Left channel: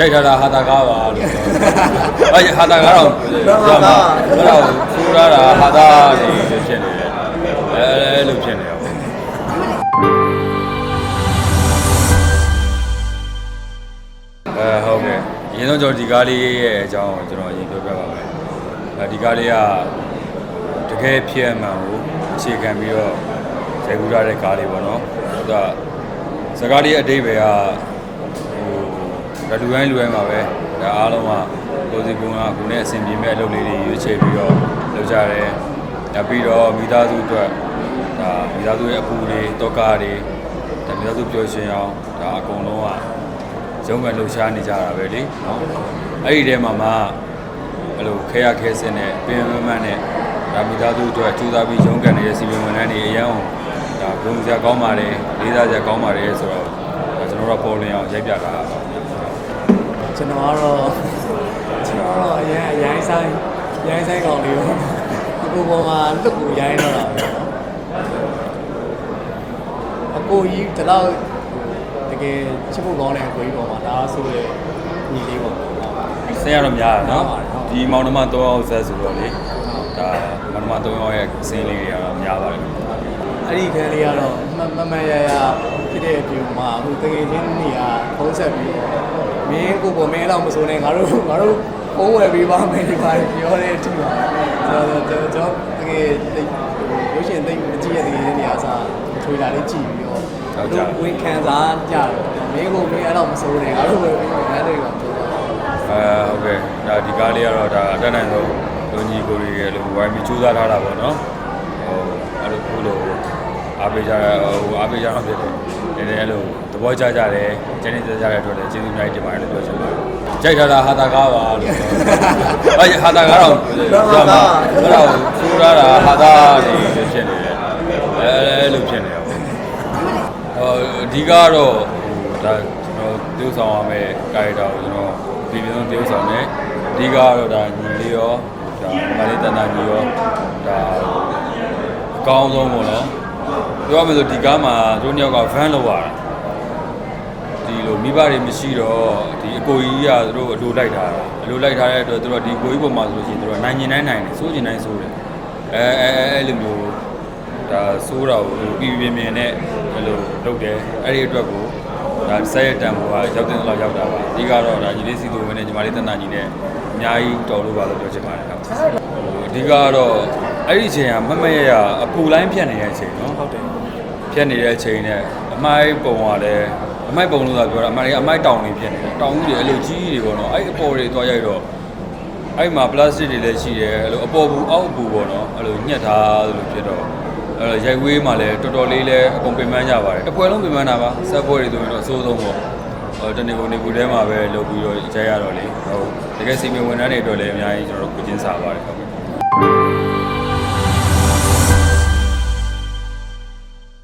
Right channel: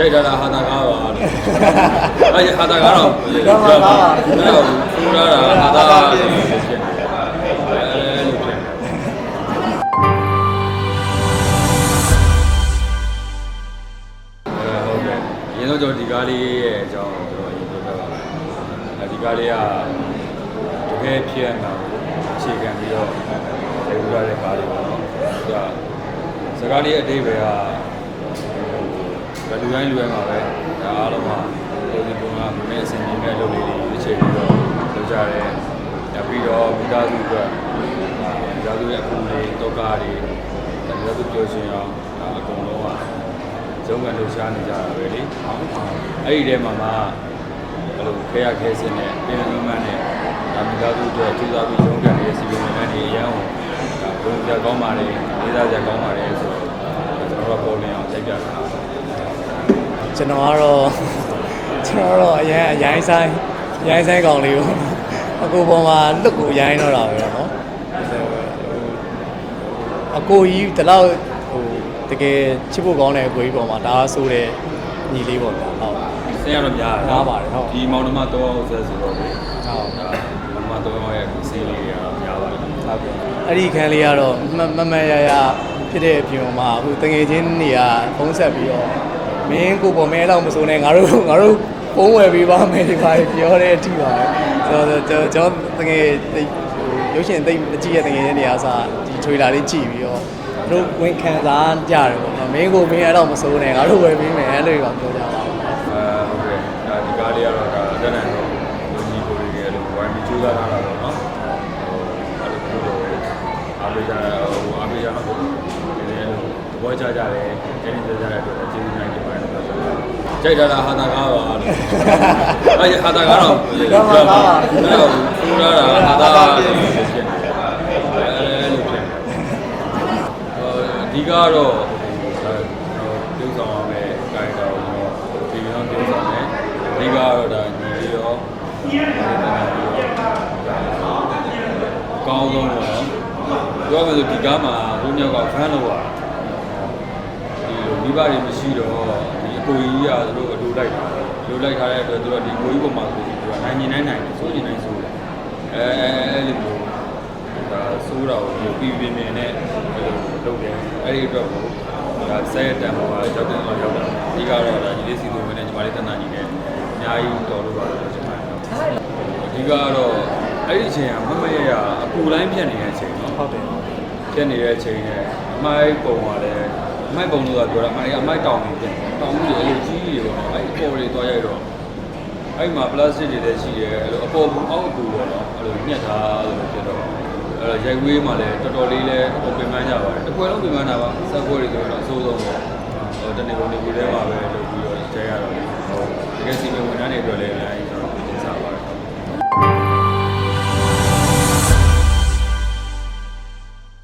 ကြိုက်ထားတာဟာတာကားပါလို့အဲဟာတာကားတော့အဲ့ဒါဖူလာတာဟာတာနေဖြစ်နေအဲလိုဖြစ်နေအဲဟုတ်ကဲ့ရင်းတော့ကျွန်တော်ဒီကားလေးရဲ့အကြောင်းကျွန်တော်ရေးပြောပြပါမယ်အဲဒီကားလေးကတကယ်ဖြစ်မှန်ကိုအခြေခံပြီးတော့ရိုက်ကူးရတဲ့ကားလေးပေါ့နော်ဟုတ်ကဲ့စကားလေးအတိတ်ပဲက ဟိုလူတိုင်းလူတိုင်းမှာပဲဒါအားလုံးမှာလူစီကုန်းကကိုနဲ့အဆင်ပြေမဲ့အလုပ်လေးတွေရွေးချယ်ပြီးတော့လုပ်ကြတယ်။ဒါပြီးတော့မိသားစုအတွက်အာမိသားစုရဲ့အပူတွေတောကတွေဒါမိသားစုပျော်ရွှင်အောင်ဒါအကုန်လုံးကရုံးကန်လှူရှားနေကြတာပဲလေ။အဲ့ဒီထဲမှာမှအဲ့လိုခဲရခဲစင်းနဲ့ပြင်မမန်းနဲ့ဒါမိသားစုအတွက်ကြိုးစားပြီးရုံးကန်နေတဲ့စီပင်မန်းတွေအရန်အောင်ဘုံစရာကောင်းပါတယ်လေးစားစရာကောင်းပါတယ်ဆိုတော့ကျွန်တော်တို့ပေါ်လင်းအောင်ရိုက်ပြတာ ကျွန်တော်ကတော့ကျွန်တော်တော့အရင်အရင်ဆိုင်ရိုင်းဆိုင်ကောင်လေးကိုအကိုပေါ်မှာလွတ်ကိုရိုင်းတော့တာပဲနော်အကိုကြီးတလောက်တကယ်ချစ်ဖို့ကောင်းတဲ့အကိုကြီးပေါ်မှာဒါအားဆိုတဲ့ညီလေးပေါ်မှာဆရာတော်များနော်ဒီမောင်နှမ၃အောင်ဆက်ဆိုတော့လေဒါမောင်နှမ၃အောင်ရဲ့အစင်းလေးတွေကများပါတယ်အဲ့ဒီခန်းလေးကတော့မမမရရဖြစ်တဲ့အပြင်မှာဟိုတကယ်ချင်းနေရာဖုံးဆက်ပြီးတော့ မင်းကိုပေါ်မဲတော့မစိုးနဲ့ငါတို့ငါတို့ဖုံးဝယ်ပေးပါမယ်ဒီပါပြောတဲ့အထိပါကျွန်တော်ကျွန်တော်တကယ်သိရုပ်ရှင်သိမကြည့်ရတကယ်ချင်းနေရာစားဒီထွေလာလေးကြည့်ပြီးတော့တို့ဝင်ခံစားကြတယ်ပေါ့မင်းကိုမင်းတော့မစိုးနဲ့ငါတို့ဝယ်ပေးမယ်အဲ့လိုပါပြောကြအဲဟုတ်ကဲ့ဒါဒီကားလေးကတော့ဒါအတက်နိုင်ဆုံးလူကြီးကိုကြီးတွေအလုံးဝိုင်းပြီးကြိုးစားထားတာပေါ့နော်အဲ့လိုကိုလိုအားပေးကြဟိုအားပေးကြတော့ဖြစ်တယ်ဒီလည်းအဲ့လိုသ ဘောကျကြတယ်ကျင်းနေကြတဲ့အတွက်လည်းကျေးဇူးများတင်ပါတယ်လို့ပြောချင်ပါတယ်ကြိုက်ထားတာဟာတာကားပါလို့အဲဟာတာကားတော့အဲ့ဒါဖူလာတာဟာတာနေဖြစ်နေအဲလိုဖြစ်နေအဓိကတော့ဒါကျွန်တော်ပြုဆောင်ရမယ်ကာရီတာကိုကျွန်တော်ဒီလိုပြုဆောင်တယ်အဓိကတော့ဒါညီလေးရောဒါမာလီတန်တာကြီးရောဒါအကောင်းဆုံးပေါ့နော်ပြောရမယ်ဆိုဒီကားမှာတို့ညောက်ကဖန်လောက်ရတာဒီလို မိဘတွေမရှိတော့ဒီအကိုကြီးကသူတို့အလိုလိုက်ထားတယ်အလိုလိုက်ထားတဲ့အတွက်သူတို့ဒီကိုကြီးပုံမှာဆိုလို့ရှိရင်သူတို့နိုင်ရင်နိုင်နိုင်တယ်စိုးရင်နိုင်စိုးတယ်အဲအဲအဲ့လိုမျိုးဒါစိုးတာကိုပြည်ပြင်းပြင်းနဲ့ဒီလိုလုပ်တယ်အဲ့ဒီအတွက်ကိုဒါဆက်ရတံပေါ်ကရောက်တဲ့လောက်ရောက်တာဒီကတော့ဒါညီလေးစီသူဝင်နဲ့ညီမလေးတန်တာညီနဲ့အများကြီးတော်လို့ပါလို့ပြောချင်ပါတယ်အဓိကတော့အဲ့ဒီအချိန်ကမမရရအပူလိုင်းဖြတ်နေတဲ့အချိန်ဟုတ်တယ်ဖြတ်နေတဲ့အချိန်နဲ့အမိုင်းပုံကလည်း အမိုက်ပုံလို့ဆိုပြောတာအမိုက်အမိုက်တောင်နေဖြစ်နေတောင်ဦးတွေအလိုကြီးတွေပေါ့နော်အဲ့ဒီအပေါ်တွေသွားရိုက်တော့အဲ့မှာပလတ်စတစ်တွေလည်းရှိတယ်အဲ့လိုအပေါ်ဘူးအောက်ဘူးပေါ့နော်အဲ့လိုညှက်ထားလို့ဖြစ်တော့အဲ့တော့ရိုက်ဝေးမှာလည်းတော်တော်လေးလည်းအကုန်ပြင်ပန်းကြပါတယ်တစ်ပွဲလုံးပြင်ပန်းတာပါဆက်ပွဲတွေဆိုတော့အဆိုးဆုံးပေါ့ဟိုတနေ့ကိုနေဘူးထဲမှာပဲလုပ်ပြီးတော့ရိုက်ရတော့လေဟုတ်တကယ်စီမံဝန်ထမ်းတွေအတွက်လည်းအများကြီးကျွန်တော်ကိုကျင်းစားပါတယ်